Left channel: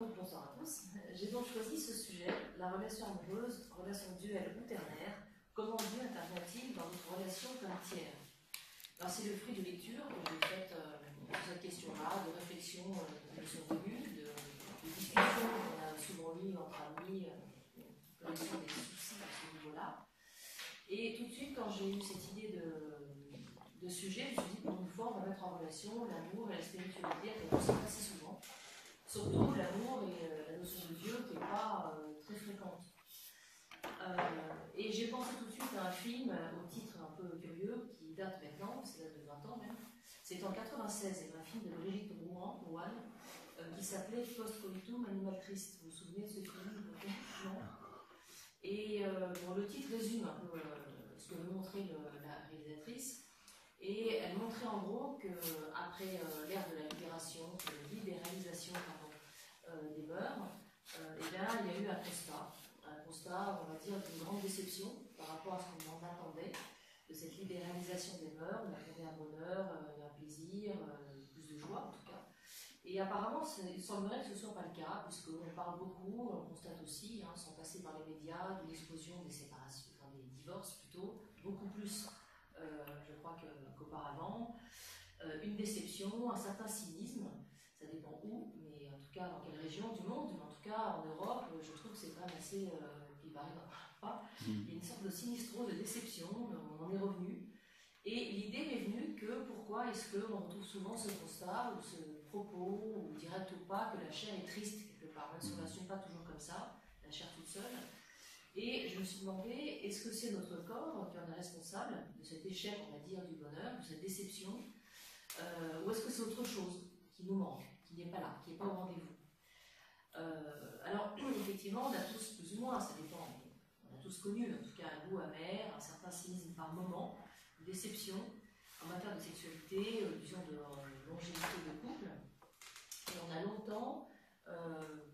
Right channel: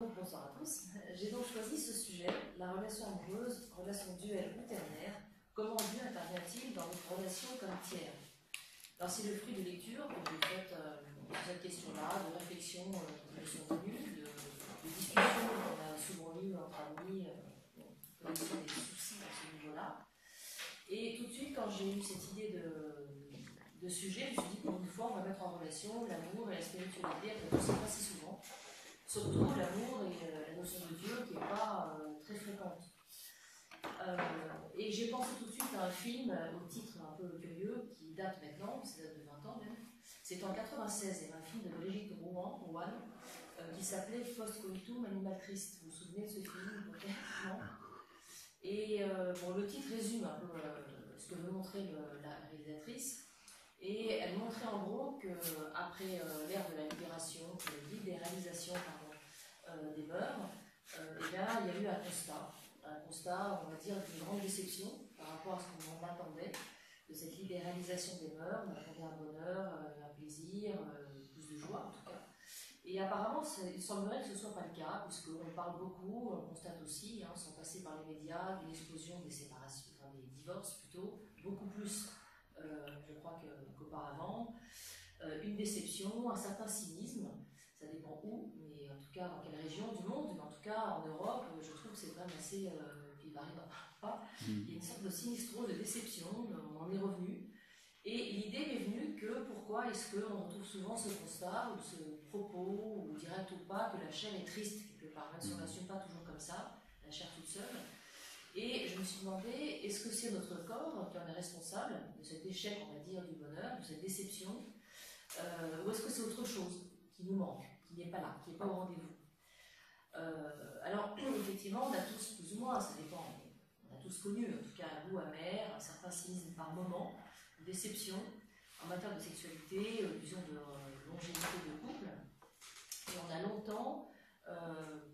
Bonsoir à tous. J'ai donc choisi ce sujet, la relation amoureuse, relation duel ou ternaire. Comment Dieu intervient-il dans notre relation comme tiers? Alors c'est le fruit de lecture que j'ai faite sur cette question-là, de réflexions qui me sont venues, de discussions qu'on a souvent eues entre amis, connaissant des soucis à ce niveau-là. Et tout de suite, quand j'ai eu cette idée de sujet, je me suis dit pour une fois, on va mettre en relation l'amour et la spiritualité, et on ne sait pas si souvent. Surtout l'amour et la notion de Dieu qui n'est pas très fréquente. Et j'ai pensé tout de suite à un film au titre un peu curieux qui date maintenant, ça date de 20 ans même. C'est en 96, il y avait un film de Brigitte Rouen qui s'appelait Post-coitum Animal Triste. Vous vous souvenez de ce film peut-être? Non. Et bon, le titre résume un peu ce que veut montrer la réalisatrice. Et elle montrait en gros qu'après l'ère de la libéralisation des mœurs, eh bien, il y a eu un constat, on va dire, d'une grande déception par rapport à ce qu'on en attendait de cette libéralisation des mœurs. On attendait un bonheur, un plaisir, plus de joie en tout cas. Et apparemment, il semblerait que ce ne soit pas le cas, puisqu'on parle beaucoup, on constate aussi, sans passer par les médias, d'une explosion des séparations, enfin des divorces plutôt, beaucoup plus, je crois, qu'auparavant. Une déception, un certain cynisme, ça dépend où, mais en tout cas dans quelle région du monde, mais en tout cas en Europe, je trouve que c'est quand même assez, puis Paris n'en parle pas, il y a une sorte de sinistrose, de déception, on en est revenu. Et l'idée m'est venue que pourquoi est-ce qu'on retrouve souvent ce constat, ou ce propos, ou direct ou pas, que la chair est triste quelque part, même si on ne l'assume pas toujours comme ça, la chair toute seule. Et je me suis demandé, est-ce que c'est notre corps qui en est responsable de cet échec, on va dire, du bonheur, de cette déception, ou est-ce que c'est autre chose qui nous manque, qui n'est pas là, qui n'est pas au rendez-vous? Alors, effectivement, on a tous, plus ou moins, ça dépend, mais on a tous connu, en tout cas, un goût amer, un certain cynisme par moment, une déception en matière de sexualité, disons de longévité de couple. Et on a longtemps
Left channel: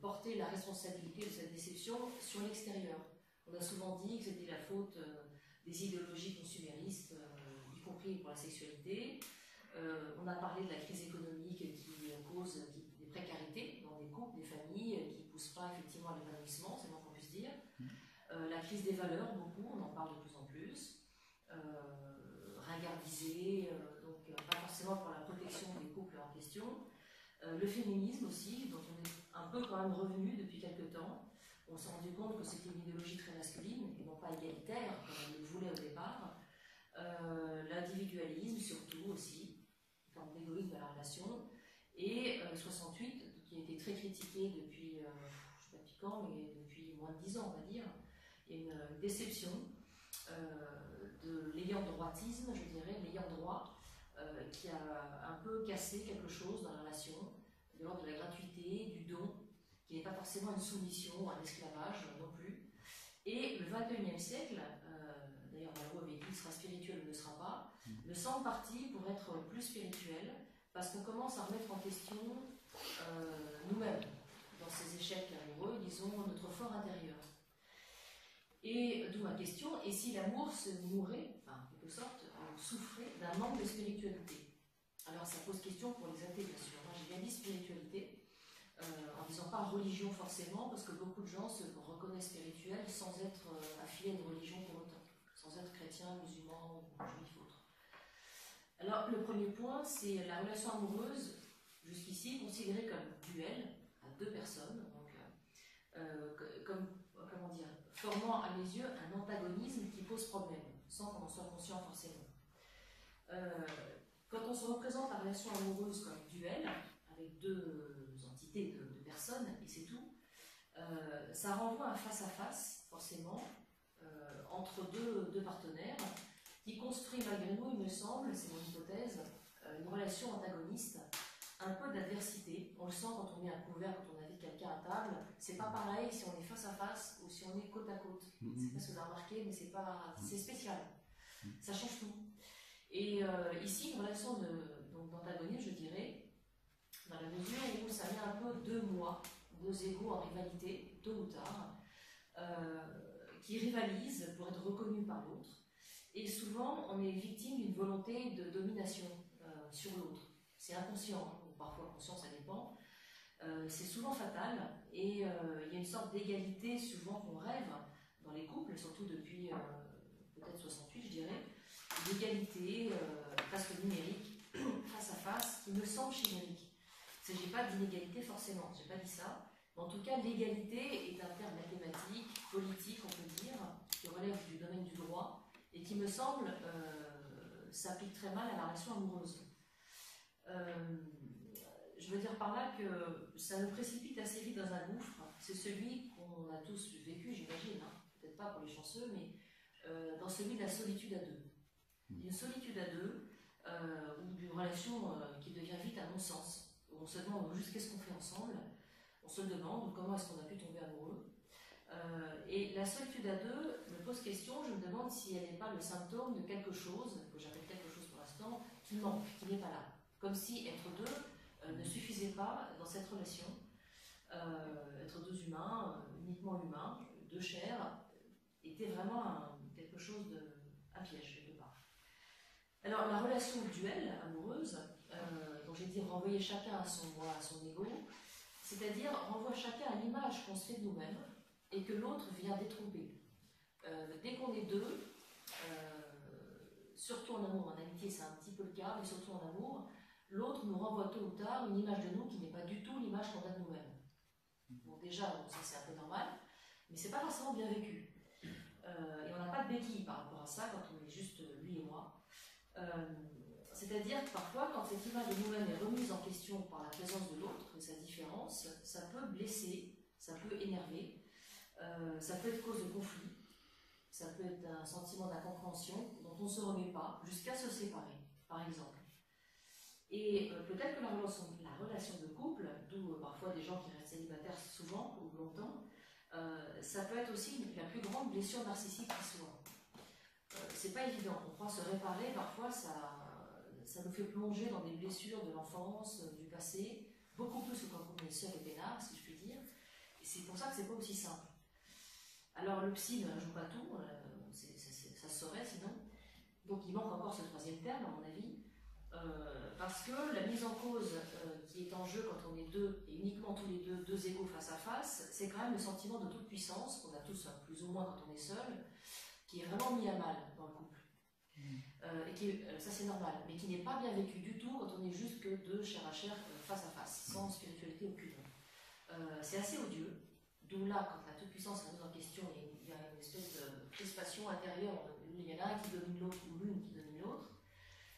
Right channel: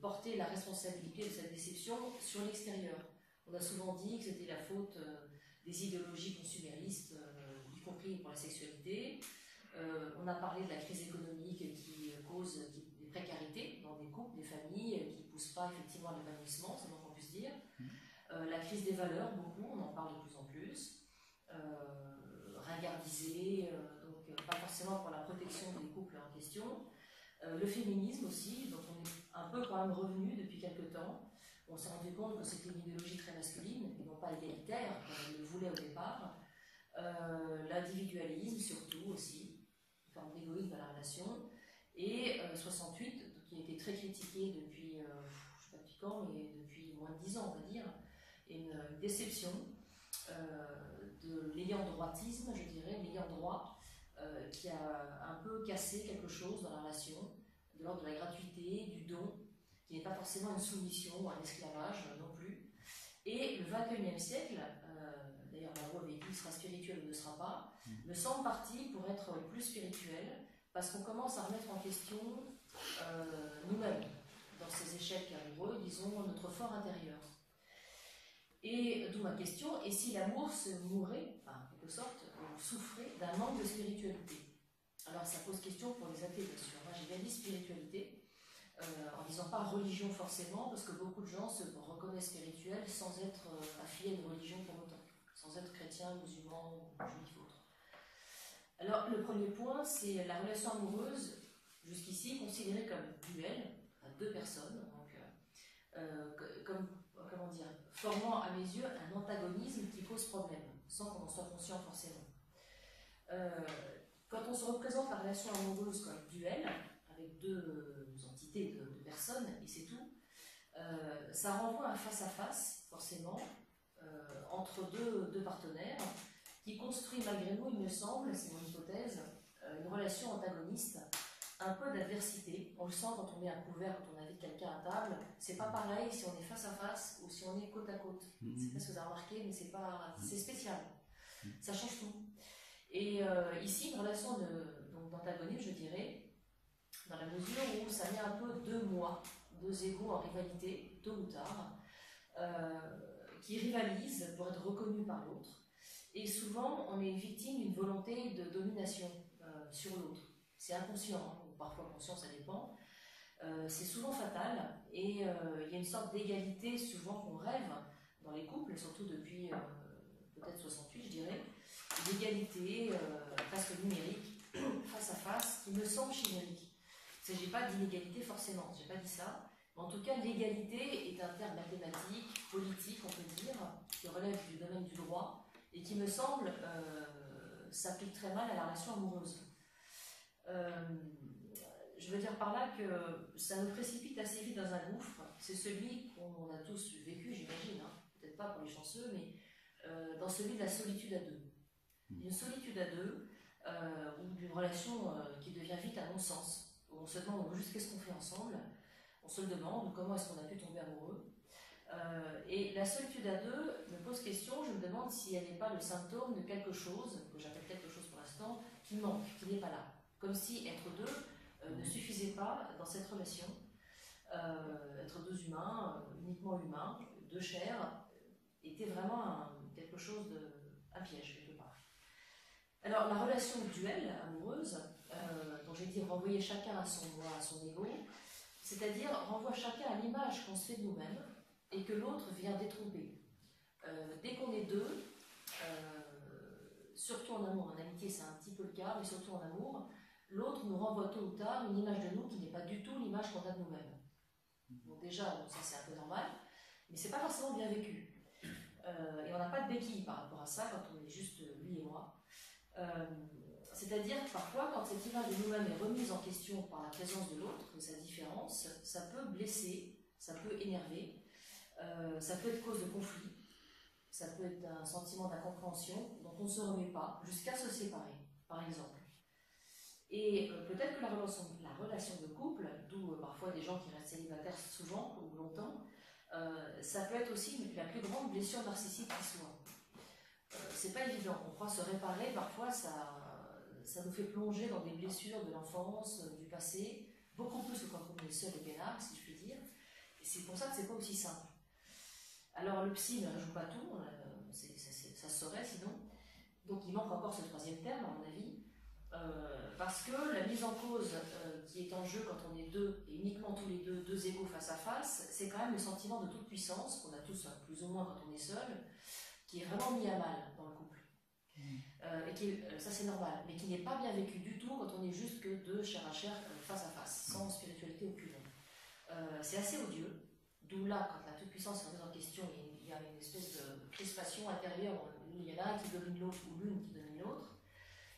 porté la responsabilité de cette déception sur l'extérieur. On a souvent dit que c'était la faute des idéologies consuméristes, y compris pour la sexualité. On a parlé de la crise économique qui cause des précarités dans des couples, des familles, qui ne poussent pas effectivement à l'épanouissement, c'est le moins qu'on puisse dire. La crise des valeurs, beaucoup, on en parle de plus en plus. Ringardisée, donc pas forcément pour la protection des couples en question. Le féminisme aussi, donc on est un peu quand même revenu depuis quelques temps. On s'est rendu compte que c'était une idéologie très masculine et non pas égalitaire, comme on le voulait au départ. L'individualisme surtout aussi, une forme d'égoïsme dans la relation. Et 68, qui a été très critiqué depuis, je ne sais pas depuis quand, mais depuis moins de 10 ans on va dire, et une déception de l'ayant droitisme, je dirais, l'ayant droit, qui a un peu cassé quelque chose dans la relation, de l'ordre de la gratuité, du don, qui n'est pas forcément une soumission ou un esclavage non plus. Et le XXIe siècle, d'ailleurs Malraux avait dit qu'il sera spirituel ou ne sera pas, me semble parti pour être plus spirituel, parce qu'on commence à remettre en question nous-mêmes, dans ces échecs amoureux, disons, notre fort intérieur. Et d'où ma question, et si l'amour se mourait, enfin, en quelque sorte, souffrait d'un manque de spiritualité? Alors ça pose question pour les athées, bien sûr. Moi j'ai bien dit spiritualité, en disant pas religion forcément, parce que beaucoup de gens se reconnaissent spirituels sans être affiliés à une religion pour autant, sans être chrétien, musulman, juif, autre. Alors le premier point, c'est la relation amoureuse, jusqu'ici considérée comme duel, à deux personnes, donc comme, comment dire, formant à mes yeux un antagonisme qui pose problème, sans qu'on en soit conscient forcément. Quand on se représente la relation amoureuse comme duel, avec deux entités de personnes, et c'est tout, ça renvoie à un face-à-face, forcément, entre deux partenaires, qui construit malgré nous, il me semble, c'est mon hypothèse, une relation antagoniste, un peu d'adversité. On le sent quand on est à couvert, quand on invite quelqu'un à table. C'est pas pareil si on est face à face ou si on est côte à côte. Je sais pas si vous avez remarqué, mais c'est spécial. Ça change tout. Et ici, une relation d'antagonisme, je dirais, dans la mesure où ça met un peu deux moi, deux égaux en rivalité, tôt ou tard, qui rivalisent pour être reconnus par l'autre. Et souvent, on est victime d'une volonté de domination sur l'autre. C'est inconscient, ou parfois conscient, ça dépend. c'est souvent fatal, et il y a une sorte d'égalité souvent qu'on rêve dans les couples, surtout depuis peut-être 68 je dirais, d'égalité presque numérique, face à face, qui me semble chimérique. Il ne s'agit pas d'inégalité forcément, je n'ai pas dit ça, mais en tout cas l'égalité est un terme mathématique, politique on peut dire, qui relève du domaine du droit, et qui me semble s'applique très mal à la relation amoureuse. Je veux dire par là que ça nous précipite assez vite dans un gouffre. C'est celui qu'on a tous vécu, j'imagine, hein. Peut-être pas pour les chanceux, mais dans celui de la solitude à deux. Une solitude à deux, ou d'une relation qui devient vite un non-sens, où on se demande juste qu'est-ce qu'on fait ensemble, on se le demande comment est-ce qu'on a pu tomber amoureux. Et la solitude à deux me pose question, je me demande si elle n'est pas le symptôme de quelque chose, que j'appelle quelque chose pour l'instant, qui manque, qui n'est pas là. Comme si être deux ne suffisait pas dans cette relation, être deux humains, uniquement humains, deux chairs, était vraiment quelque chose un piège quelque part. Alors la relation duel, amoureuse, dont j'ai dit renvoyer chacun à son moi, à son ego, c'est-à-dire renvoie chacun à l'image qu'on se fait de nous-mêmes et que l'autre vient détromper. Dès qu'on est deux, surtout en amour, en amitié c'est un petit peu le cas, mais surtout en amour, l'autre nous renvoie tôt ou tard une image de nous qui n'est pas du tout l'image qu'on a de nous-mêmes. Bon, déjà, ça c'est un peu normal, mais c'est pas forcément bien vécu. Et on n'a pas de béquille par rapport à ça quand on est juste lui et moi. C'est-à-dire que parfois, quand cette image de nous-mêmes est remise en question par la présence de l'autre, sa différence, ça peut blesser, ça peut énerver, ça peut être cause de conflit, ça peut être un sentiment d'incompréhension dont on ne se remet pas jusqu'à se séparer, par exemple. Et peut-être que la relation de couple, d'où parfois des gens qui restent célibataires souvent ou longtemps, ça peut être aussi la plus grande blessure narcissique qui soit. C'est pas évident, on croit se réparer, parfois ça nous fait plonger dans des blessures de l'enfance, du passé, beaucoup plus que quand on est seul et peinard, si je puis dire, et c'est pour ça que c'est pas aussi simple. Alors le psy ne joue pas tout, ça se saurait sinon, donc il manque encore ce troisième terme à mon avis, parce que la mise en cause qui est en jeu quand on est deux, et uniquement tous les deux égaux face à face, c'est quand même le sentiment de toute puissance, qu'on a tous plus ou moins quand on est seul, qui est vraiment mis à mal dans le couple. Et ça c'est normal, mais qui n'est pas bien vécu du tout quand on est juste que deux chair à chair face à face, sans spiritualité aucune. C'est assez odieux, d'où là, quand la toute-puissance est remise en question, il y a une espèce de crispation intérieure, il y en a un qui domine l'autre ou l'une qui domine l'autre.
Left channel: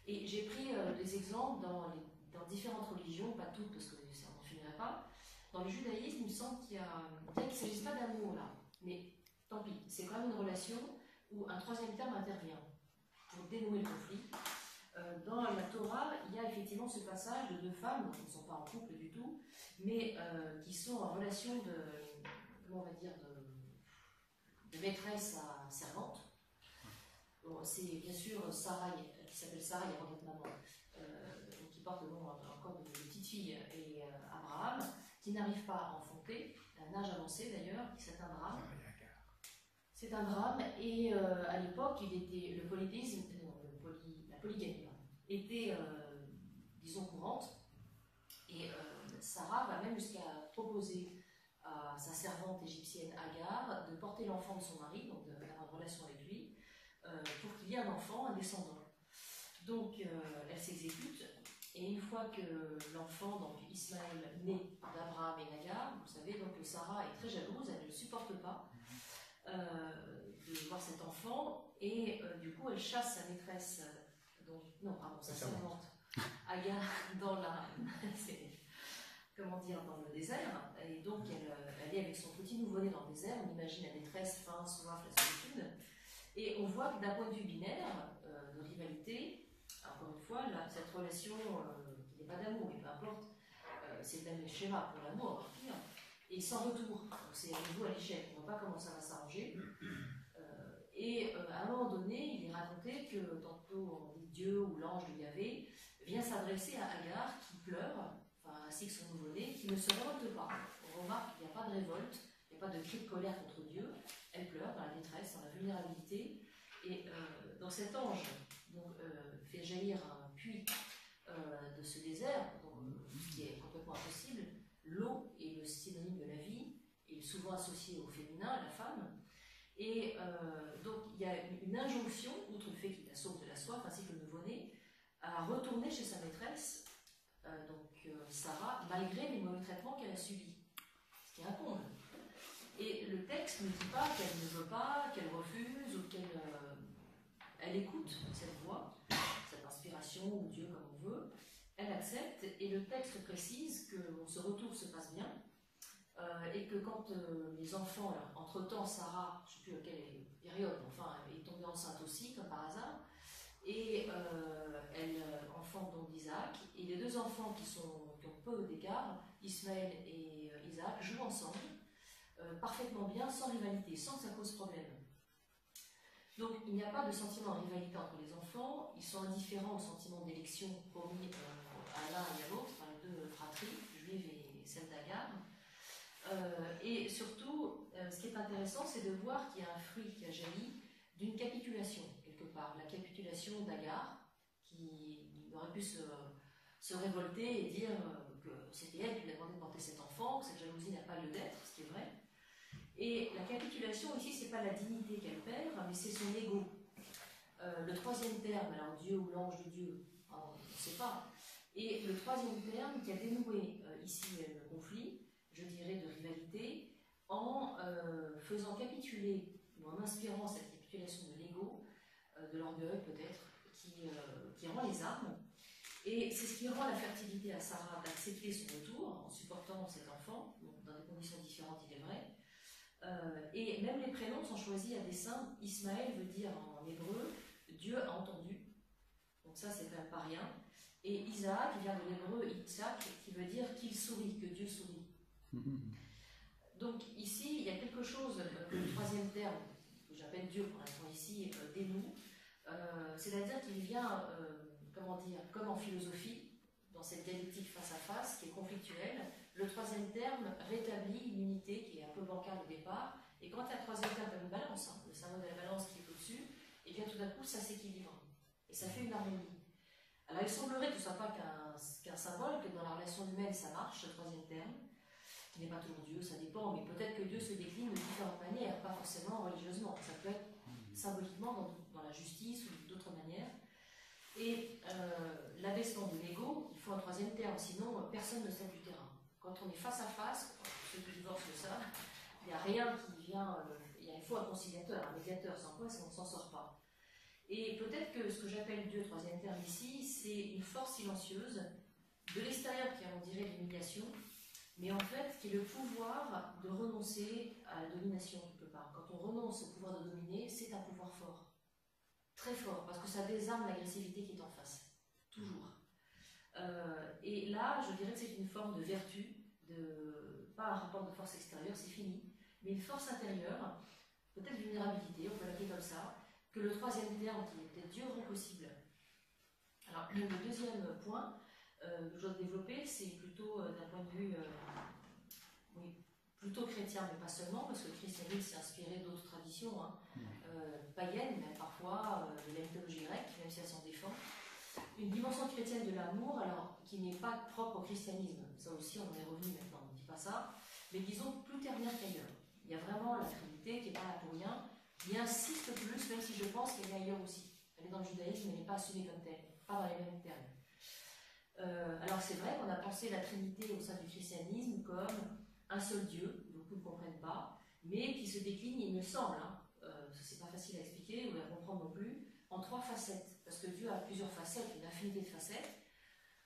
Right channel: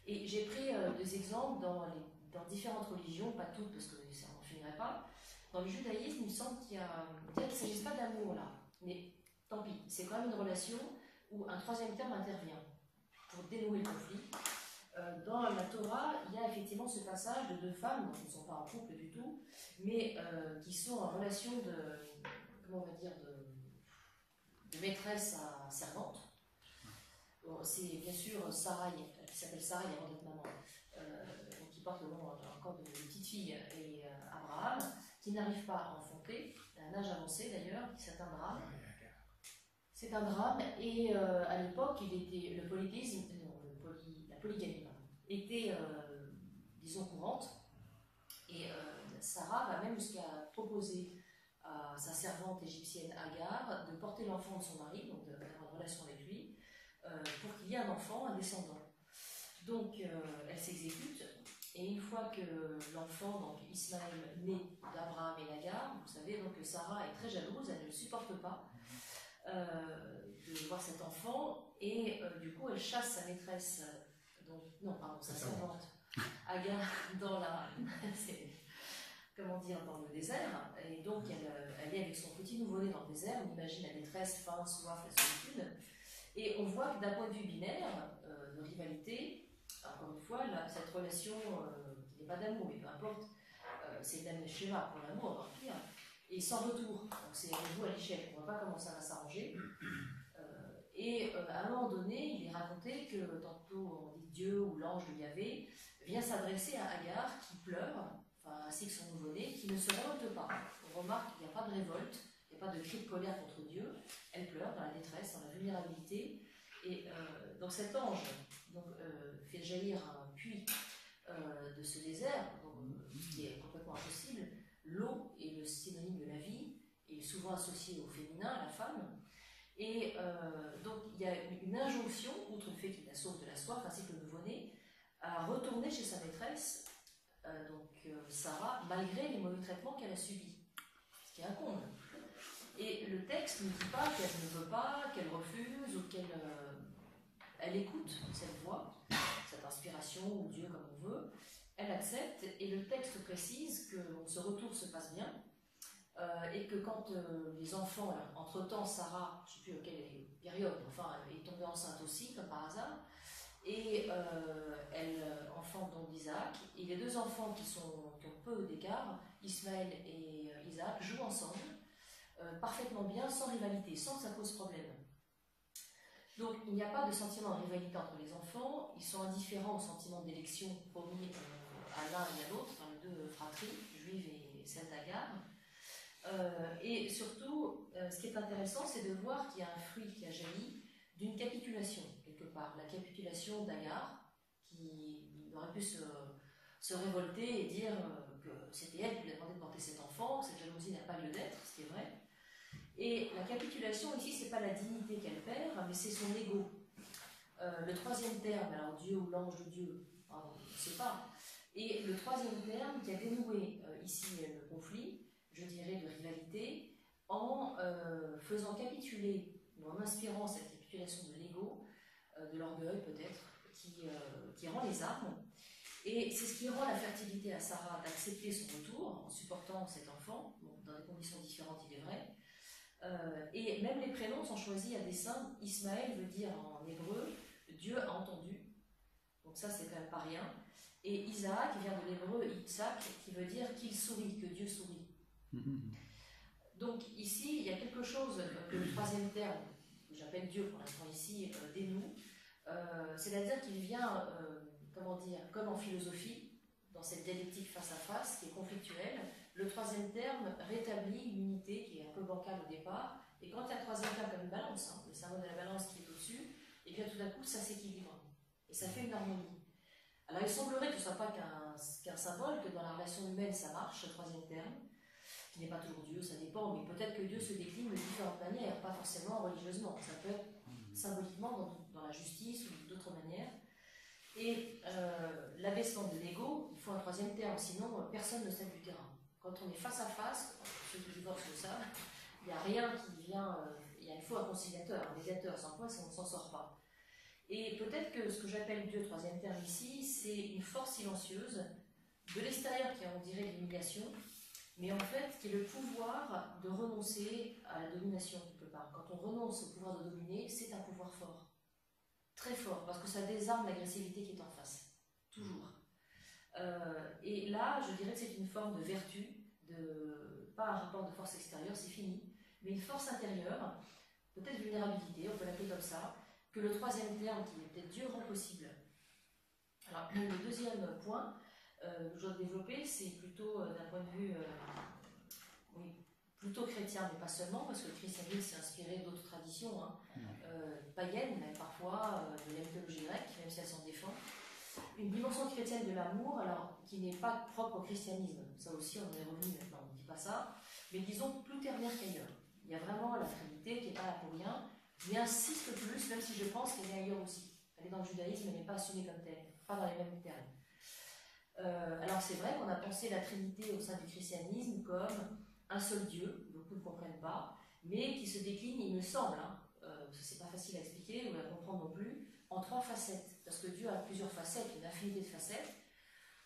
Et j'ai pris des exemples dans différentes religions, pas toutes parce que ça n'en finirait pas. Dans le judaïsme, il me semble qu'il ne s'agisse pas d'amour là, mais tant pis, c'est quand même une relation où un troisième terme intervient pour dénouer le conflit. Dans la Torah, il y a effectivement ce passage de deux femmes qui ne sont pas en couple du tout, mais qui sont en relation comment on va dire, de maîtresse à servante. Bon, c'est bien sûr Sarah, qui s'appelle Sarah avant d'être maman, donc qui porte le nom encore de petite fille, et Abraham, qui n'arrive pas à enfanter, à un âge avancé d'ailleurs, c'est un drame. C'est un drame, et à l'époque, le polythéisme, la polygamie, était, disons, courante, et Sarah va même jusqu'à proposer à sa servante égyptienne Agar de porter l'enfant de son mari, donc d'avoir une relation avec lui, pour qu'il y ait un enfant, un descendant. Donc elle s'exécute, et une fois que l'enfant, donc Ismaël, naît d'Abraham et d'Agar, vous savez, donc Sarah est très jalouse, elle ne le supporte pas de voir cet enfant, et du coup elle chasse sa maîtresse, sa servante, Agar, dans dans le désert, et donc elle est avec son petit nouveau-né dans le désert, on imagine la détresse, faim, soif, la solitude, et on voit que d'un point de vue binaire, de rivalité, encore une fois, cette relation qui n'est pas d'amour, mais peu importe, c'est le même schéma pour l'amour, encore pire, et sans retour, donc c'est avec vous à l'échelle, on ne voit pas comment ça va s'arranger, et à un moment donné, il est raconté que tantôt on dit Dieu ou l'ange de Yahvé vient s'adresser à Agar qui pleure, ainsi que son nouveau-né, qui ne se révolte pas. On remarque qu'il n'y a pas de révolte, il n'y a pas de cri de colère contre Dieu, elle pleure dans la détresse, dans la vulnérabilité, et donc cet ange fait jaillir un puits de ce désert, ce qui est complètement impossible. l'eau est le synonyme de la vie, et souvent associé au féminin, à la femme. Et donc il y a une injonction, outre le fait qu'il la sauve de la soif, ainsi que le nouveau-né, à retourner chez sa maîtresse, Sarah, malgré les mauvais traitements qu'elle a subis, ce qui est un comble. Et le texte ne dit pas qu'elle ne veut pas, qu'elle refuse, ou qu'elle elle écoute cette voix, cette inspiration, ou Dieu comme on veut, elle accepte, et le texte précise que ce retour se passe bien, et que quand les enfants, entre-temps, Sarah, je ne sais plus à quelle période, enfin, est tombée enceinte aussi, comme par hasard, et elle enfante donc d'Isaac, et les deux enfants qui ont peu d'écart, Ismaël et Isaac, jouent ensemble, parfaitement bien, sans rivalité, sans que ça pose problème. Donc il n'y a pas de sentiment de rivalité entre les enfants, ils sont indifférents au sentiment d'élection promis à l'un et à l'autre, enfin, les deux fratries, juive et celle d'Agar. Et surtout, ce qui est intéressant, c'est de voir qu'il y a un fruit qui a jailli d'une capitulation, quelque part. La capitulation d'Agar, qui aurait pu se révolter et dire que c'était elle qui lui a demandé de porter cet enfant, que cette jalousie n'a pas lieu d'être, ce qui est vrai. Et la capitulation ici, c'est pas la dignité qu'elle perd, mais c'est son ego. Le troisième terme, alors Dieu ou l'ange de Dieu, on ne sait pas. Et le troisième terme qui a dénoué ici le conflit, je dirais de rivalité, en faisant capituler, ou en inspirant cette capitulation de l'ego, de l'orgueil peut-être, qui rend les armes. Et c'est ce qui rend la fertilité à Sarah d'accepter son retour, en supportant cet enfant, bon, dans des conditions différentes, il est vrai. Et même les prénoms sont choisis à dessein. Ismaël veut dire en hébreu Dieu a entendu, donc ça c'est quand même pas rien. Et Isaac vient de l'hébreu Itzak, qui veut dire qu'il sourit, que Dieu sourit. Donc ici il y a quelque chose que le troisième terme, que j'appelle Dieu pour l'instant ici, dénoue, c'est-à-dire qu'il vient, comment dire, comme en philosophie, dans cette dialectique face à face qui est conflictuelle. Le troisième terme rétablit une unité qui est un peu bancale au départ, et quand il y a un troisième terme comme une balance, le symbole de la balance qui est au-dessus, et bien tout d'un coup ça s'équilibre, et ça fait une harmonie. Alors il semblerait que ce ne soit pas qu'un symbole, que dans la relation humaine ça marche, ce troisième terme, qui n'est pas toujours Dieu, ça dépend, mais peut-être que Dieu se décline de différentes manières, pas forcément religieusement, ça peut être symboliquement dans la justice ou d'autres manières. Et l'abaissement de l'ego, il faut un troisième terme, sinon personne ne cède du terrain. Quand on est face à face, ceux qui divorcent le savent, il n'y a rien qui vient, il faut un conciliateur, un médiateur, sans quoi on ne s'en sort pas. Et peut-être que ce que j'appelle Dieu, troisième terme ici, c'est une force silencieuse de l'extérieur qui on dirait l'humiliation, mais en fait qui est le pouvoir de renoncer à la domination quelque part. Quand on renonce au pouvoir de dominer, c'est un pouvoir fort. Très fort, parce que ça désarme l'agressivité qui est en face, toujours. Et là, je dirais que c'est une forme de vertu, pas un rapport de force extérieure, c'est fini, mais une force intérieure, peut-être vulnérabilité, on peut l'appeler comme ça, que le troisième terme, qui est peut-être Dieu, rend possible. Alors, le deuxième point que je dois développer, c'est plutôt d'un point de vue, plutôt chrétien, mais pas seulement, parce que le christianisme s'est inspiré d'autres traditions, païennes, même parfois, de la mythologie grecque, même si elle s'en défend. Une dimension chrétienne de l'amour, alors qui n'est pas propre au christianisme, ça aussi on en est revenu maintenant, on ne dit pas ça, mais disons plus ternaire qu'ailleurs. Il y a vraiment la Trinité qui n'est pas là pour rien, qui insiste plus, même si je pense qu'elle est ailleurs aussi. Elle est dans le judaïsme, mais elle n'est pas assumée comme telle, pas dans les mêmes termes. Alors c'est vrai qu'on a pensé la Trinité au sein du christianisme comme un seul Dieu, beaucoup ne comprennent pas, mais qui se décline, il me semble, c'est pas facile à expliquer ou à comprendre non plus, en 3 facettes, parce que Dieu a plusieurs facettes, une infinité de facettes.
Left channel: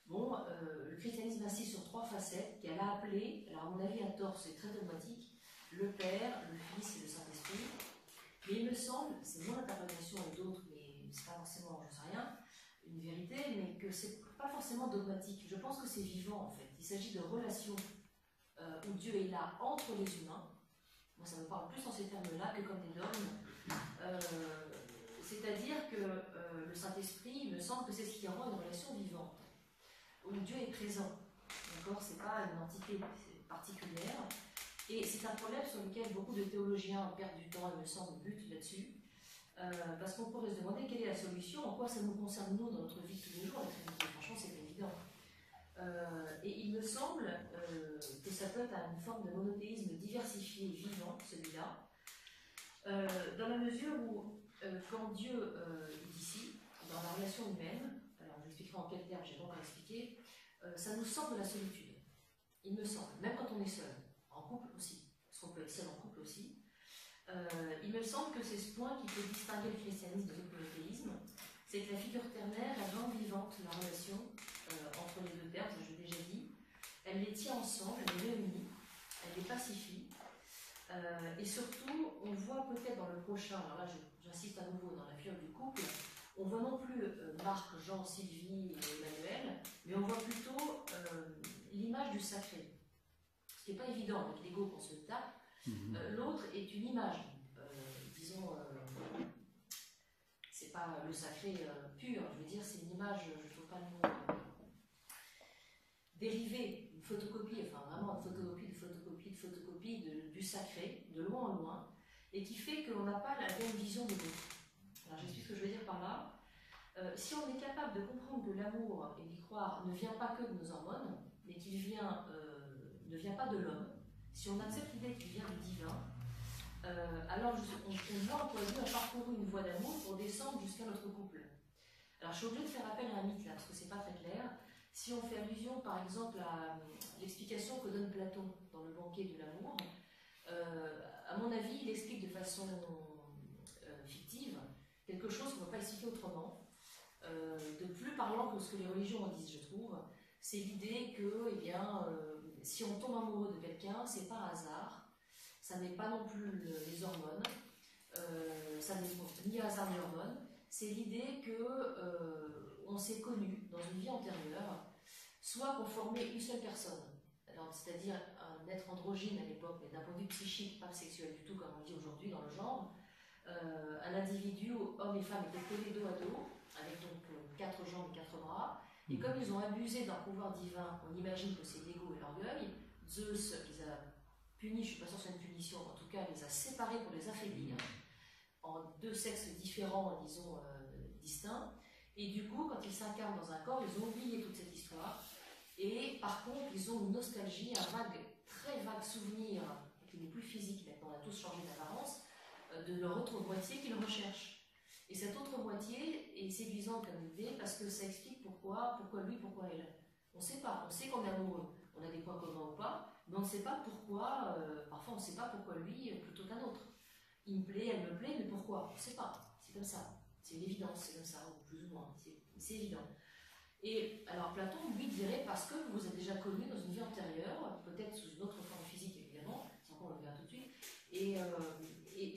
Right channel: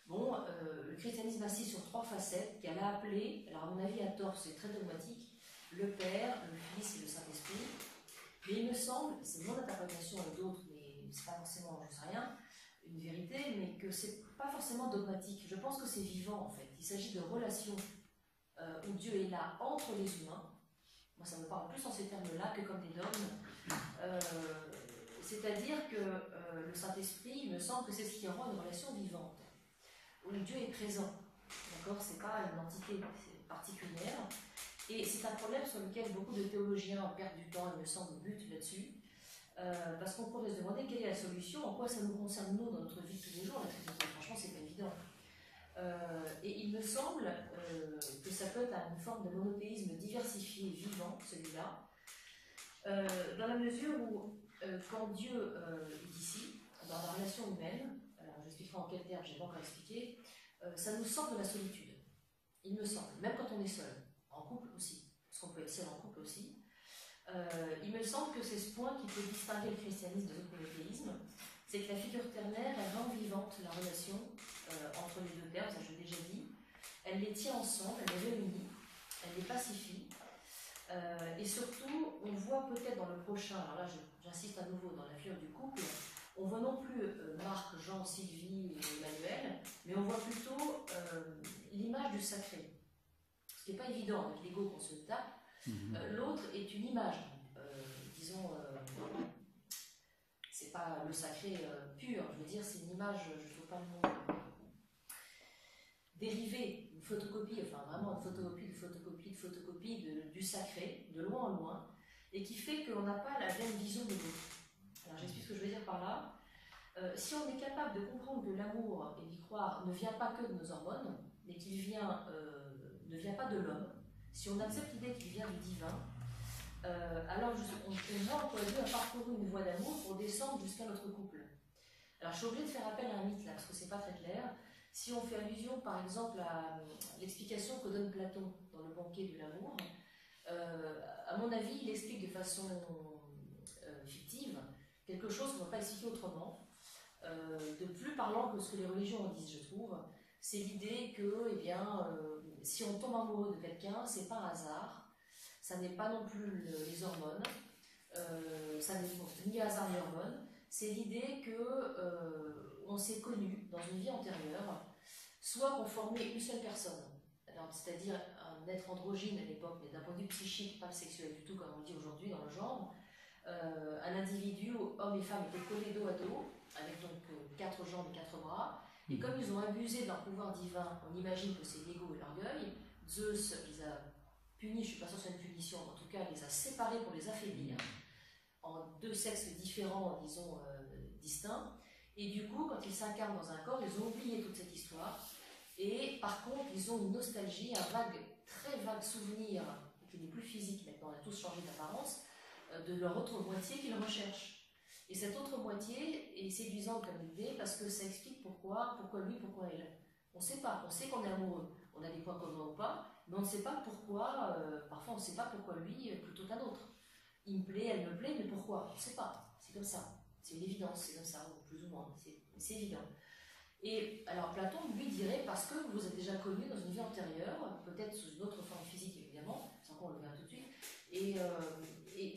Bon, le christianisme insiste sur 3 facettes qu'elle a appelées, alors à mon avis à tort, c'est très dogmatique, le Père, le Fils et le Saint-Esprit. Mais il me semble, c'est mon interprétation et d'autres, mais c'est pas forcément, je sais rien, une vérité, mais que c'est pas forcément dogmatique. Je pense que c'est vivant en fait. Il s'agit de relations où Dieu est là entre les humains. Moi, ça me parle plus en ces termes-là que comme des dogmes. C'est-à-dire que le Saint-Esprit, il me semble que c'est ce qui rend une relation vivante, où Dieu est présent. D'accord ? C'est pas une entité particulière. Et c'est un problème sur lequel beaucoup de théologiens perdent du temps, il me semble, butent là-dessus. Parce qu'on pourrait se demander quelle est la solution, en quoi ça nous concerne nous dans notre vie de tous les jours, la Trinité. Franchement, c'est pas évident. Et il me semble que ça peut être une forme de monothéisme diversifié, vivant, celui-là, dans la mesure où, quand Dieu est ici, dans la relation humaine, alors je expliquerai en quels termes, je n'ai pas encore expliqué, ça nous sort de la solitude, il me semble, même quand on est seul, en couple aussi, parce qu'on peut être seul en couple aussi. Il me semble que c'est ce point qui peut distinguer le christianisme de l'autre monothéisme, c'est que la figure ternaire, elle rend vivante la relation entre les deux termes, ça je l'ai déjà dit, elle les tient ensemble, elle les réunit, elle les pacifie, et surtout, on voit peut-être dans le prochain, alors là j'insiste à nouveau dans la figure du couple, on voit non plus Marc, Jean, Sylvie et Emmanuel, mais on voit plutôt l'image du sacré, ce qui n'est pas évident avec l'ego qu'on se tape. L'autre est une image, disons, c'est pas le sacré pur, je veux dire, c'est une image, je ne trouve pas le mot, dérivée, une photocopie, enfin vraiment une photocopie du sacré, de loin en loin, et qui fait qu'on n'a pas la même vision de l'autre. Alors j'explique ce que je veux dire par là. Si on est capable de comprendre que l'amour, et d'y croire, ne vient pas que de nos hormones, mais qu'il vient, ne vient pas de l'homme, si on accepte l'idée qu'il vient du divin, alors on voit en quoi Dieu a parcouru une voie d'amour pour descendre jusqu'à notre couple. Alors je suis obligée de faire appel à un mythe là, parce que c'est pas très clair. Si on fait allusion par exemple à l'explication que donne Platon dans le banquet de l'amour, à mon avis il explique de façon fictive quelque chose qu'on ne peut pas expliquer autrement, de plus parlant que ce que les religions en disent, je trouve. C'est l'idée que, eh bien, si on tombe amoureux de quelqu'un, c'est pas un hasard, ça n'est pas non plus les hormones, ça n'est ni hasard ni hormones, c'est l'idée que on s'est connu dans une vie antérieure, soit qu'on formait une seule personne, c'est-à-dire un être androgyne à l'époque, mais d'un point de vue psychique, pas sexuel du tout comme on le dit aujourd'hui dans le genre, un individu où hommes et femmes étaient collés dos à dos, avec donc 4 jambes et 4 bras, et comme ils ont abusé de leur pouvoir divin, on imagine que c'est l'ego et l'orgueil. Zeus les a punis, je ne suis pas sûre que c'est une punition, en tout cas les a séparés pour les affaiblir, en deux sexes différents, disons, distincts, et du coup, quand ils s'incarnent dans un corps, ils ont oublié toute cette histoire, et par contre, ils ont une nostalgie, un très vague souvenir, qui n'est plus physique maintenant, on a tous changé d'apparence, de leur autre moitié qu'ils recherchent. Et cette autre moitié est séduisante comme idée parce que ça explique pourquoi lui, pourquoi elle. On ne sait pas, on sait qu'on est amoureux, on a des points communs ou pas, mais on ne sait pas pourquoi, parfois on ne sait pas pourquoi lui plutôt qu'un autre. Il me plaît, elle me plaît, mais pourquoi? On ne sait pas, c'est comme ça, c'est une évidence, c'est comme ça, ou plus ou moins, c'est évident. Et alors Platon, lui, dirait parce que vous vous êtes déjà connus dans une vie antérieure, peut-être sous une autre forme physique évidemment, sans qu'on le verra tout de suite, et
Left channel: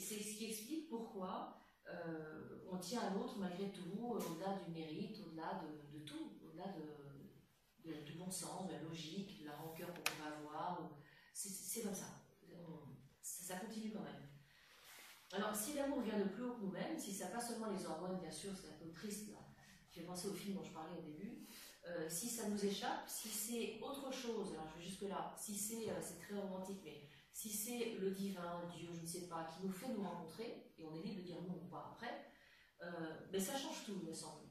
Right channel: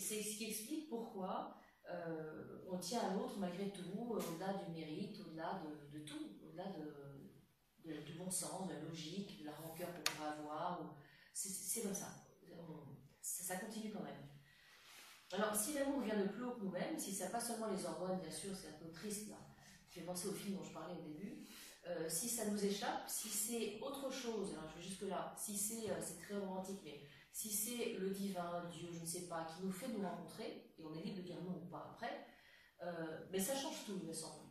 c'est ce qui explique pourquoi on tient à l'autre malgré tout, au-delà du mérite, au-delà de tout, au-delà du bon sens, de la logique, de la rancœur qu'on pourrait avoir. C'est comme ça. Ça continue quand même. Alors, si l'amour vient de plus haut que nous-mêmes, si ça pas seulement les hormones, bien sûr, c'est un peu triste là. Je vais penser au film dont je parlais au début. Si ça nous échappe, si c'est autre chose, alors je vais jusque là, si c'est très romantique, mais si c'est le divin, Dieu, je ne sais pas, qui nous fait nous rencontrer, et on est libre de dire non ou pas après, mais ça change tout, il me semble.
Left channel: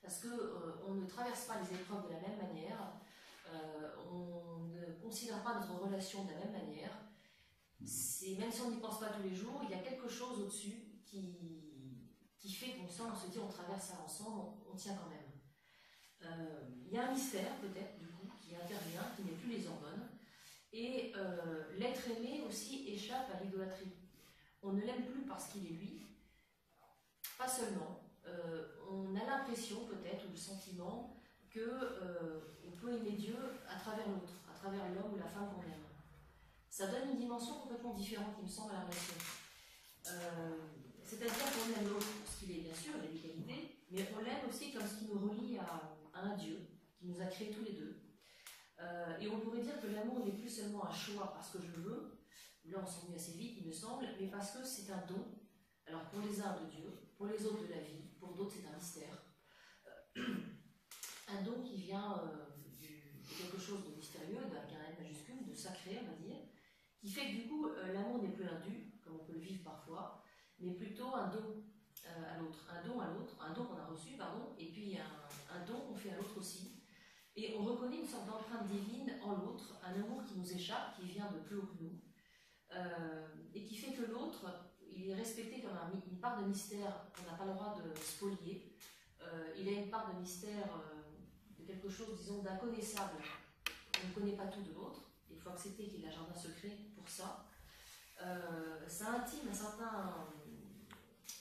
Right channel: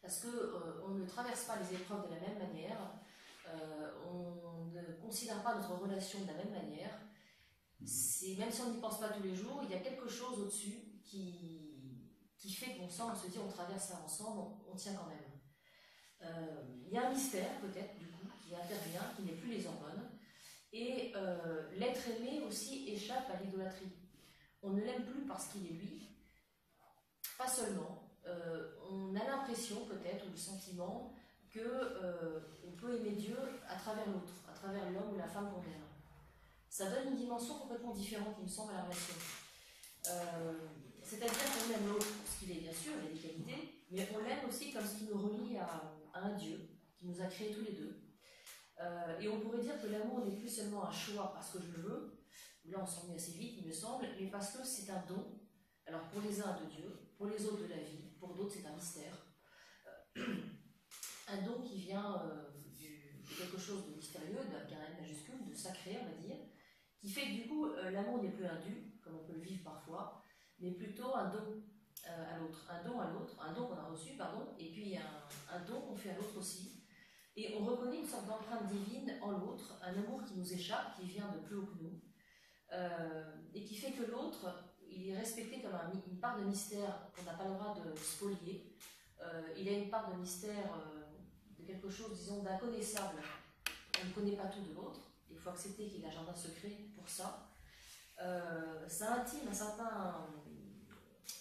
Parce qu'on ne traverse pas les épreuves de la même manière, on ne considère pas notre relation de la même manière. Même si on n'y pense pas tous les jours, il y a quelque chose au-dessus qui fait qu'on sent, on se dit on traverse ça ensemble, on tient quand même. Il y a un mystère peut-être du coup qui intervient, qui n'est plus les hormones. Et l'être aimé aussi échappe à l'idolâtrie. On ne l'aime plus parce qu'il est lui, pas seulement. On a l'impression peut-être, ou le sentiment, qu'on peut aimer Dieu à travers l'autre, à travers l'homme ou la femme qu'on aime. Ça donne une dimension complètement différente, il me semble, à la relation. C'est-à-dire qu'on aime l'autre pour ce qu'il est, bien sûr, il a des qualités, mais on l'aime aussi comme ce qui nous relie à un Dieu qui nous a créés tous les deux. Et on pourrait dire que l'amour n'est plus seulement un choix parce que je le veux, là on s'ennuie assez vite il me semble, mais parce que c'est un don, alors pour les uns de Dieu, pour les autres de la vie, pour d'autres c'est un mystère, un don qui vient de quelque chose de mystérieux, avec un M majuscule, de sacré on va dire, qui fait que du coup l'amour n'est plus un dû, comme on peut le vivre parfois, mais plutôt un don à l'autre, un don qu'on a reçu, pardon, et puis un don qu'on fait à l'autre aussi. Et on reconnaît une sorte d'empreinte divine en l'autre, un amour qui nous échappe, qui vient de plus haut que nous, et qui fait que l'autre, il est respecté comme une part de mystère qu'on n'a pas le droit de spolier. Il a une part de mystère, de quelque chose, disons, d'inconnaissable. On ne connaît pas tout de l'autre. Il faut accepter qu'il y ait un jardin secret pour ça. Ça intime une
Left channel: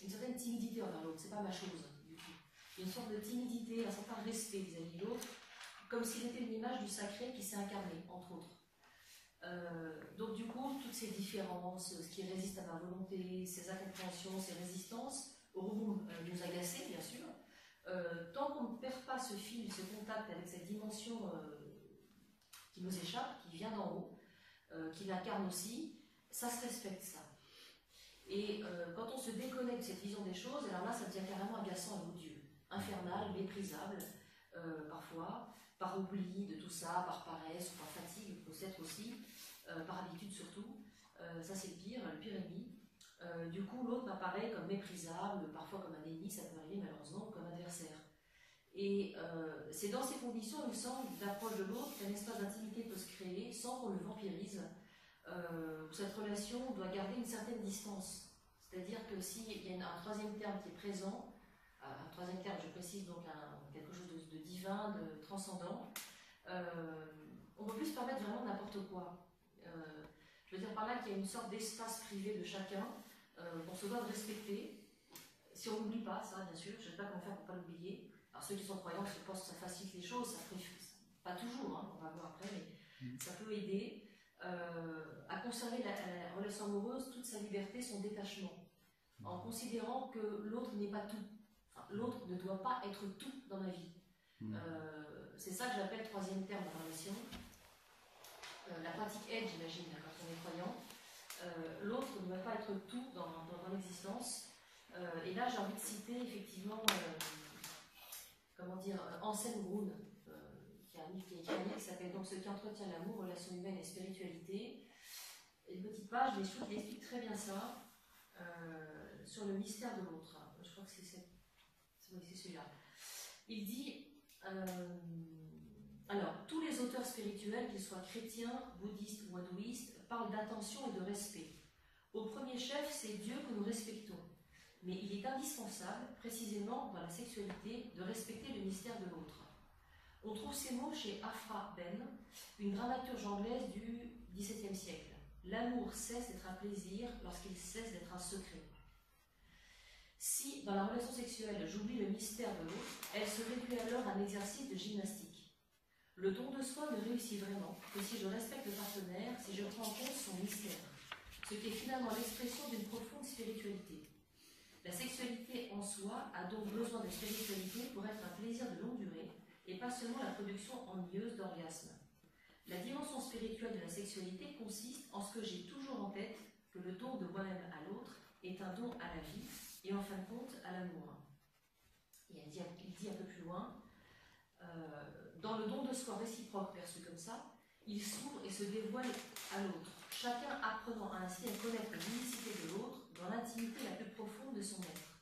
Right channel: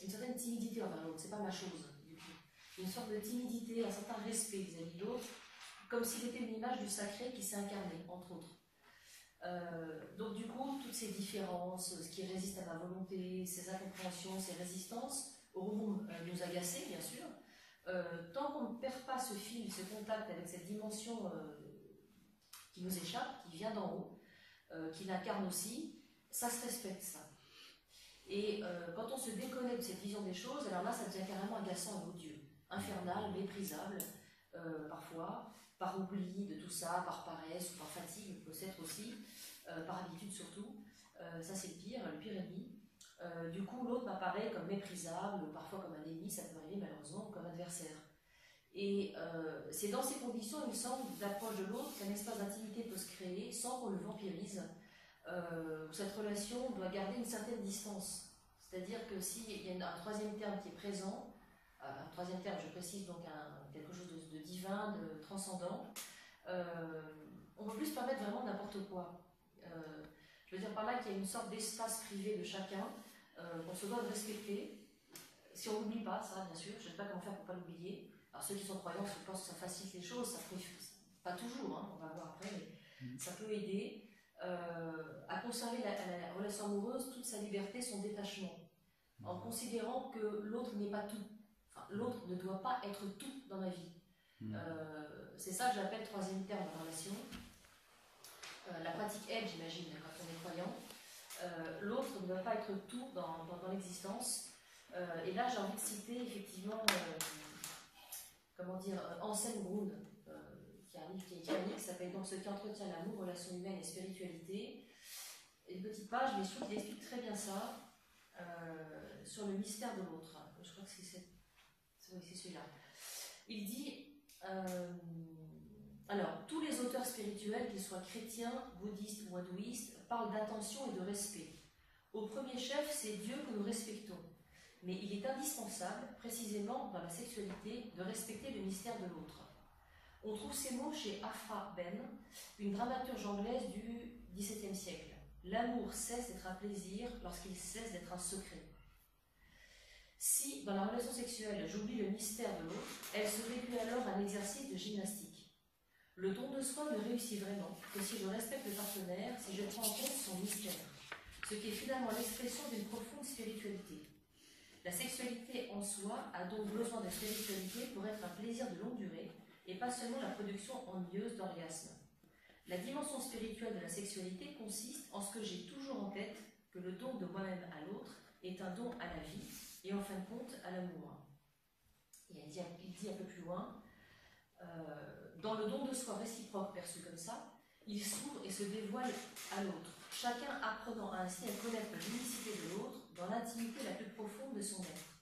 certaine timidité envers l'autre. C'est pas ma chose, du coup. Une sorte de timidité, un certain respect vis-à-vis de l'autre, comme s'il était une image du sacré qui s'est incarné, entre autres. Donc du coup, toutes ces différences, ce qui résiste à ma volonté, ces incompréhensions, ces résistances, auront nous agacer, bien sûr. Tant qu'on ne perd pas ce fil, ce contact avec cette dimension qui nous échappe, qui vient d'en haut, qui l'incarne aussi, ça se respecte, ça. Et quand on se déconnecte de cette vision des choses, alors là, ça devient carrément agaçant et odieux, infernal, méprisable, parfois, par oubli de tout ça, par paresse ou par fatigue, peut-être aussi, par habitude surtout. Ça, c'est le pire ennemi. Du coup, l'autre m'apparaît comme méprisable, parfois comme un ennemi, ça peut arriver malheureusement, ou comme adversaire. Et c'est dans ces conditions, il me semble, d'approche de l'autre qu'un espace d'intimité peut se créer sans qu'on le vampirise, où cette relation doit garder une certaine distance. C'est-à-dire que s'il y a un troisième terme qui est présent, un troisième terme, je précise donc quelque chose de divin, de transcendant, on ne peut plus se permettre vraiment n'importe quoi. Je veux dire par là qu'il y a une sorte d'espace privé de chacun qu'on se doit de respecter. Si on n'oublie pas ça, bien sûr, je ne sais pas comment faire pour ne pas l'oublier. Alors ceux qui sont croyants, je pense que ça facilite les choses, ça fait, pas toujours, hein, on va voir après, mais ça peut aider à conserver la relation amoureuse, toute sa liberté, son détachement, en considérant que l'autre n'est pas tout. Enfin, l'autre ne doit pas être tout dans ma vie. C'est ça que j'appelle troisième terme de la relation. La pratique aide, j'imagine, quand on est croyant. L'autre ne doit pas être tout dans l'existence. Et là, j'ai envie de citer effectivement, Anselm Grün, qui a un livre qui est écrit, qui s'appelle donc Ce qui entretient l'amour, relations humaines et spiritualité. Et une petite page, mais je trouve qu'il explique très bien ça, sur le mystère de l'autre. Je crois que c'est celui-là. Il dit, alors, tous les auteurs spirituels, qu'ils soient chrétiens, bouddhistes ou hindouistes, parlent d'attention et de respect. Au premier chef, c'est Dieu que nous respectons. Mais il est indispensable, précisément dans la sexualité, de respecter le mystère de l'autre. On trouve ces mots chez Afra Ben, une dramaturge anglaise du XVIIe siècle. L'amour cesse d'être un plaisir lorsqu'il cesse d'être un secret. Si, dans la relation sexuelle, j'oublie le mystère de l'autre, elle se réduit alors à un exercice de gymnastique. Le don de soi ne réussit vraiment que si je respecte le partenaire, si je prends en compte son mystère, ce qui est finalement l'expression d'une profonde spiritualité. La sexualité en soi a donc besoin de spiritualité pour être un plaisir de longue durée et pas seulement la production ennuyeuse d'orgasmes. La dimension spirituelle de la sexualité consiste en ce que j'ai toujours en tête que le don de moi-même à l'autre est un don à la vie et en fin de compte à l'amour. Et il dit un peu plus loin, dans le don de soi réciproque perçu comme ça, il s'ouvre et se dévoile à l'autre, chacun apprenant ainsi à connaître l'unicité de l'autre dans l'intimité la plus profonde de son être.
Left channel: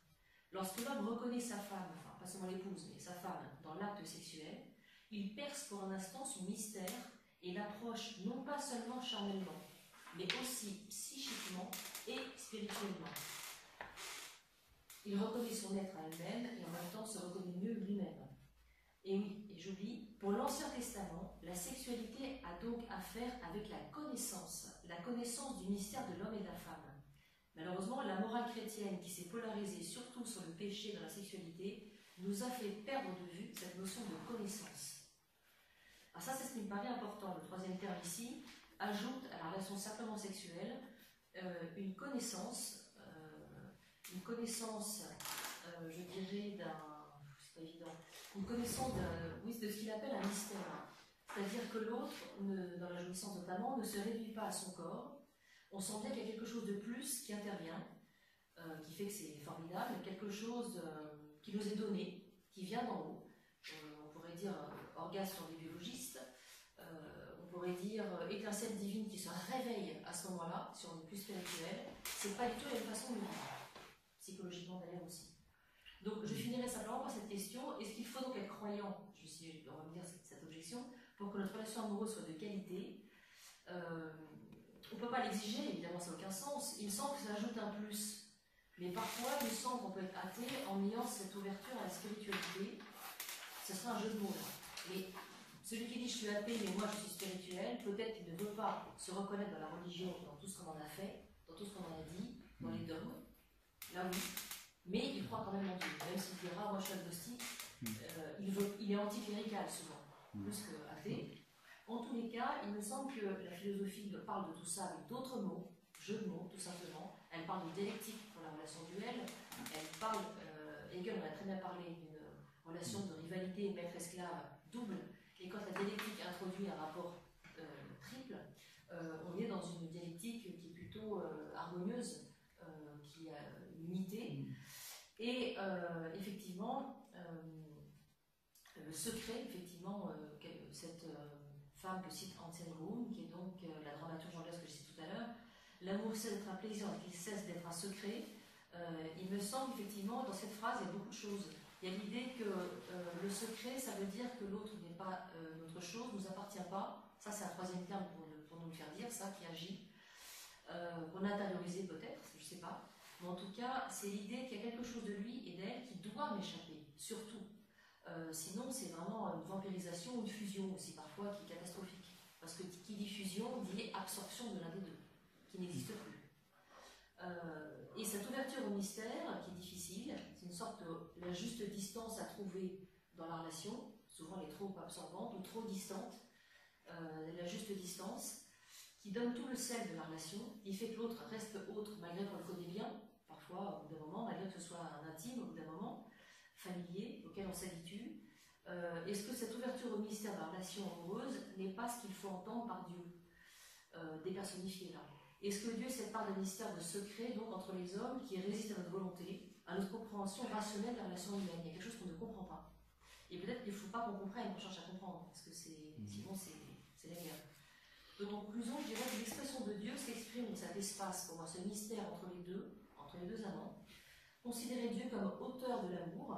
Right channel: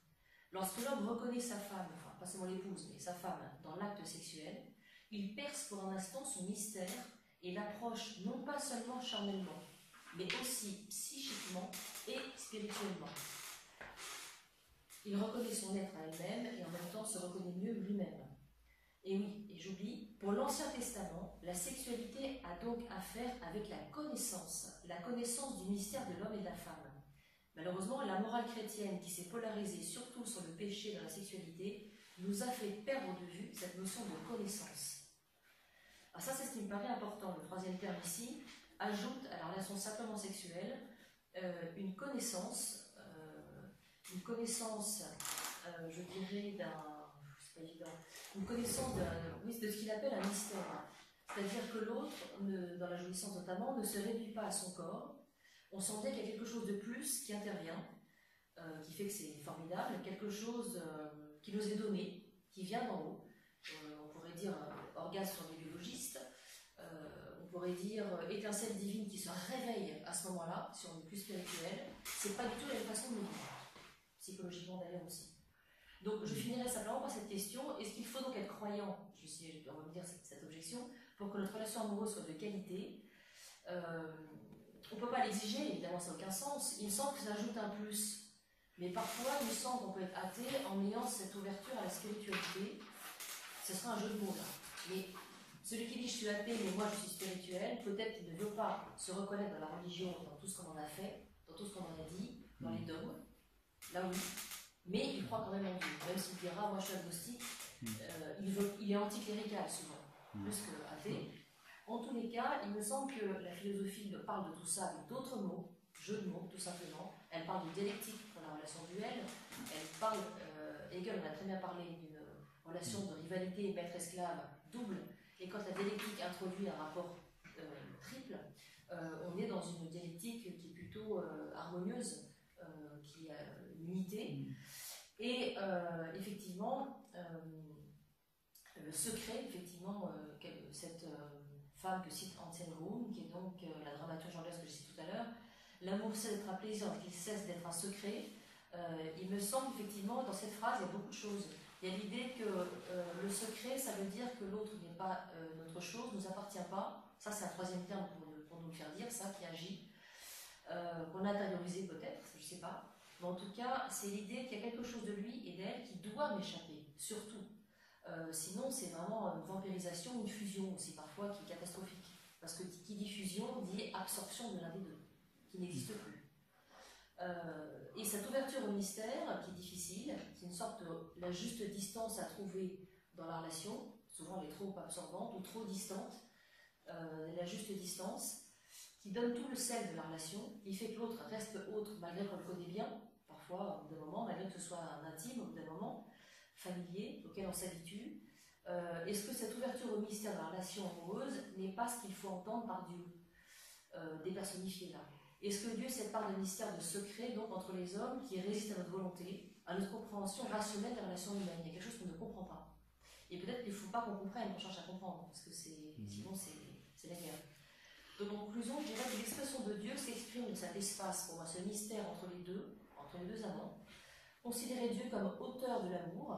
Lorsque l'homme reconnaît sa femme, enfin pas seulement l'épouse, mais sa femme dans l'acte sexuel, il perce pour un instant son mystère et l'approche non pas seulement charnellement, mais aussi psychiquement et spirituellement. Il reconnaît son être à elle-même et en même temps se reconnaît mieux lui-même. Et oui, et j'oublie, pour l'Ancien Testament, la sexualité a donc affaire avec la connaissance du mystère de l'homme et de la femme. Malheureusement, la morale chrétienne qui s'est polarisée surtout sur le péché dans la sexualité nous a fait perdre de vue cette notion de connaissance. Alors ça, c'est ce qui me paraît important. Le troisième terme ici ajoute à la relation simplement sexuelle une connaissance, je dirais, c'est pas évident, une connaissance de ce qu'il appelle un mystère. C'est-à-dire que l'autre, dans la jouissance notamment, ne se réduit pas à son corps. On sent bien qu'il y a quelque chose de plus qui intervient, qui fait que c'est formidable, quelque chose qui nous est donné, qui vient d'en haut. On pourrait dire orgasme sur des biologistes, on pourrait dire étincelle divine qui se réveille à ce moment-là, si on est plus spirituel. C'est pas du tout la même façon de vivre, psychologiquement d'ailleurs aussi. Donc je finirai simplement par cette question, est-ce qu'il faut donc être croyant, on va me dire cette objection, pour que notre relation amoureuse soit de qualité? On ne peut pas l'exiger, évidemment ça n'a aucun sens, il me semble que ça ajoute un plus. Mais parfois, il me semble qu'on peut être athée en ayant cette ouverture à la spiritualité. Ce sera un jeu de mots là. Mais celui qui dit je suis athée, mais moi je suis spirituel, peut-être qu'il ne veut pas se reconnaître dans la religion, dans tout ce qu'on en a fait, dans tout ce qu'on en a dit, dans les dogmes. Là oui. Mais il croit quand même en Dieu. Même s'il dira, moi je suis agnostique, il est anticlérical souvent, plus que athée. En tous les cas, il me semble que la philosophie parle de tout ça avec d'autres mots, jeux de mots tout simplement. Elle parle de dialectique pour la relation duelle. Elle parle, Hegel en a très bien parlé d'une relation de rivalité maître-esclave double. Et quand la dialectique introduit un rapport triple, on est dans une dialectique qui est plutôt harmonieuse, qui a une unité. Et effectivement, le secret, effectivement, cette femme que cite Anselm Grün, qui est donc la dramaturge anglaise que j'ai citée tout à l'heure, l'amour cesse d'être un plaisir, qu'il cesse d'être un secret. Il me semble effectivement, dans cette phrase, il y a beaucoup de choses. Il y a l'idée que le secret, ça veut dire que l'autre n'est pas notre chose, ne nous appartient pas. Ça, c'est un troisième terme pour nous le faire dire, ça qui agit. Qu'on a intériorisé peut-être, je ne sais pas. Mais en tout cas, c'est l'idée qu'il y a quelque chose de lui et d'elle qui doit m'échapper, surtout. Sinon, c'est vraiment une vampirisation, une fusion aussi parfois qui est catastrophique. Parce que qui dit fusion dit absorption de l'un des deux, qui n'existe plus. Et cette ouverture au mystère, qui est difficile, c'est une sorte de la juste distance à trouver dans la relation. Souvent, elle est trop absorbante ou trop distante. La juste distance qui donne tout le sel de la relation, qui fait que l'autre reste autre malgré qu'on le connaît bien, parfois au bout d'un moment, malgré que ce soit un intime au bout d'un moment, familier, auquel on s'habitue. Est-ce que cette ouverture au mystère de la relation amoureuse n'est pas ce qu'il faut entendre par Dieu, dépersonnifié là? Est-ce que Dieu, cette part de mystère, de secret, donc entre les hommes, qui résiste à notre volonté, à notre compréhension rationnelle des relations humaines? Il y a quelque chose qu'on ne comprend pas. Et peut-être qu'il ne faut pas qu'on comprenne, qu'on cherche à comprendre, parce que sinon c'est la guerre. Donc en conclusion, je dirais que l'expression de Dieu s'exprime de cet espace, pour moi, ce mystère entre les deux amants. Considérer Dieu comme auteur de l'amour,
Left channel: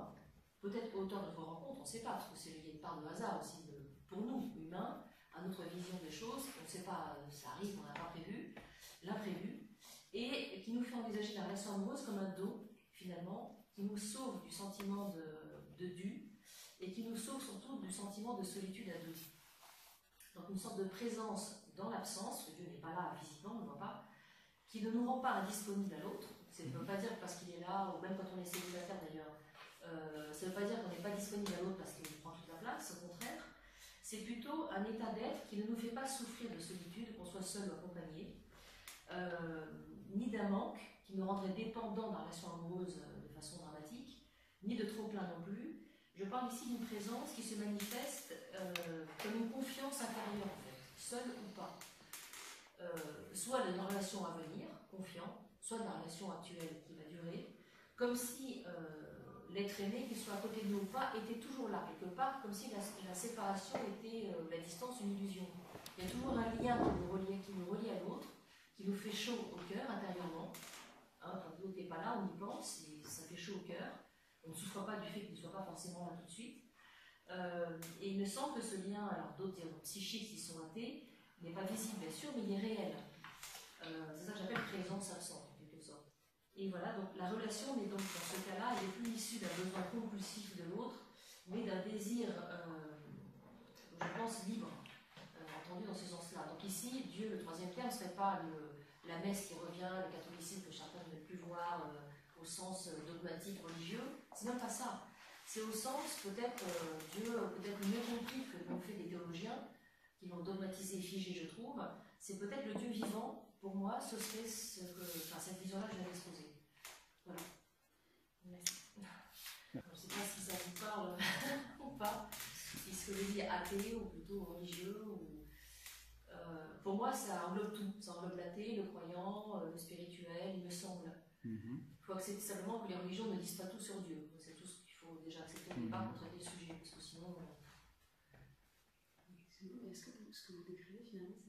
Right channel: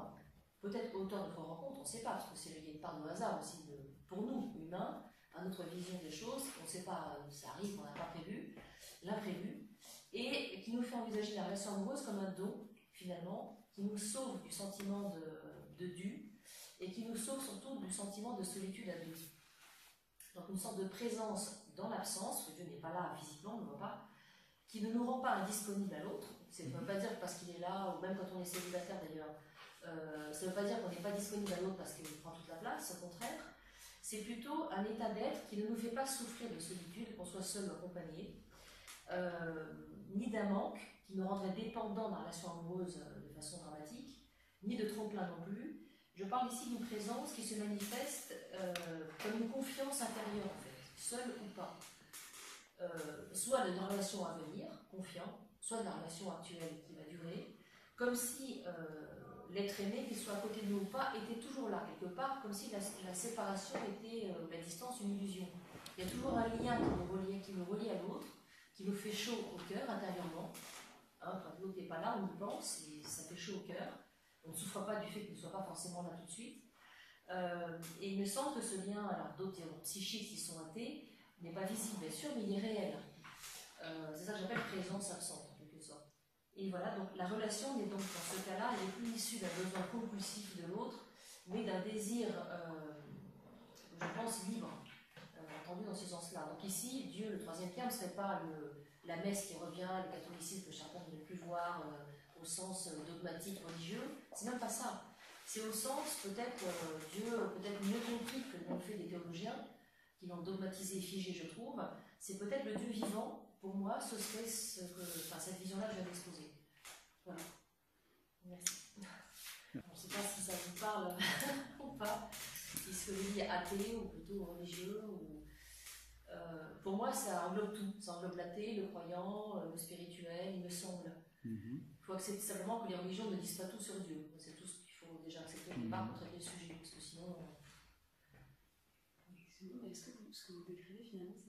peut-être auteur de notre rencontre, on ne sait pas, parce qu'il y a une part de hasard aussi pour nous, humains, à notre vision des choses, on ne sait pas, ça arrive, on n'a pas prévu, l'imprévu, et qui nous fait envisager la relation amoureuse comme un don, finalement, qui nous sauve du sentiment de dû, et qui nous sauve surtout du sentiment de solitude à deux. Donc une sorte de présence dans l'absence, que Dieu n'est pas là physiquement, on ne voit pas, qui ne nous rend pas indisponibles à l'autre. Ça ne veut pas dire parce qu'il est là, ou même quand on est célibataire d'ailleurs, ça ne veut pas dire qu'on n'est pas disponible à l'autre parce qu'il prend toute la place, au contraire. C'est plutôt un état d'être qui ne nous fait pas souffrir de solitude, qu'on soit seul ou accompagné, ni d'un manque qui nous rendrait dépendants dans la relation amoureuse de façon dramatique, ni de trop-plein non plus. Je parle ici d'une présence qui se manifeste comme une confiance intérieure en fait, seule ou pas. Soit d'une relation à venir, confiant, soit de la relation actuelle qui va durer, comme si l'être aimé, qu'il soit à côté de nous ou pas, était toujours là, quelque part, comme si la séparation était, la distance, une illusion. Il y a toujours un lien qui nous relie à l'autre, qui nous fait chaud au cœur, intérieurement. Hein, quand l'autre n'est pas là, on y pense, et ça fait chaud au cœur. On ne souffre pas du fait qu'il ne soit pas forcément là tout de suite. Et il me semble que ce lien, alors d'autres psychiques qui sont athées, n'est pas visible bien sûr, mais il est réel. C'est ça que j'appelle présence absente en quelque sorte. Et voilà, donc la relation n'est donc dans ce cas-là, elle n'est plus issue d'un besoin compulsif de l'autre, mais d'un désir, je pense, libre, entendu dans ce sens-là. Donc ici, Dieu, le troisième terme, ce n'est pas la messe qui revient, le catholicisme que certains ne veulent plus voir au sens dogmatique, religieux, c'est même pas ça. C'est au sens, peut-être, Dieu, peut-être mieux compris que l'ont fait des théologiens, qui l'ont dogmatisé et figé, je trouve, c'est peut-être le Dieu vivant, pour moi, ce serait cette vision-là que je viens d'exposer. Voilà. Merci. Je ne sais pas si ça vous parle ou pas, si ce que je dis est athée ou plutôt religieux. Pour moi, ça englobe tout. Ça englobe l'athée, le croyant, le spirituel, il me semble. Il faut accepter simplement que les religions ne disent pas tout sur Dieu. C'est tout ce qu'il faut déjà accepter au départ pour traiter le sujet, parce que sinon... Est-ce que ce que vous décrivez finalement,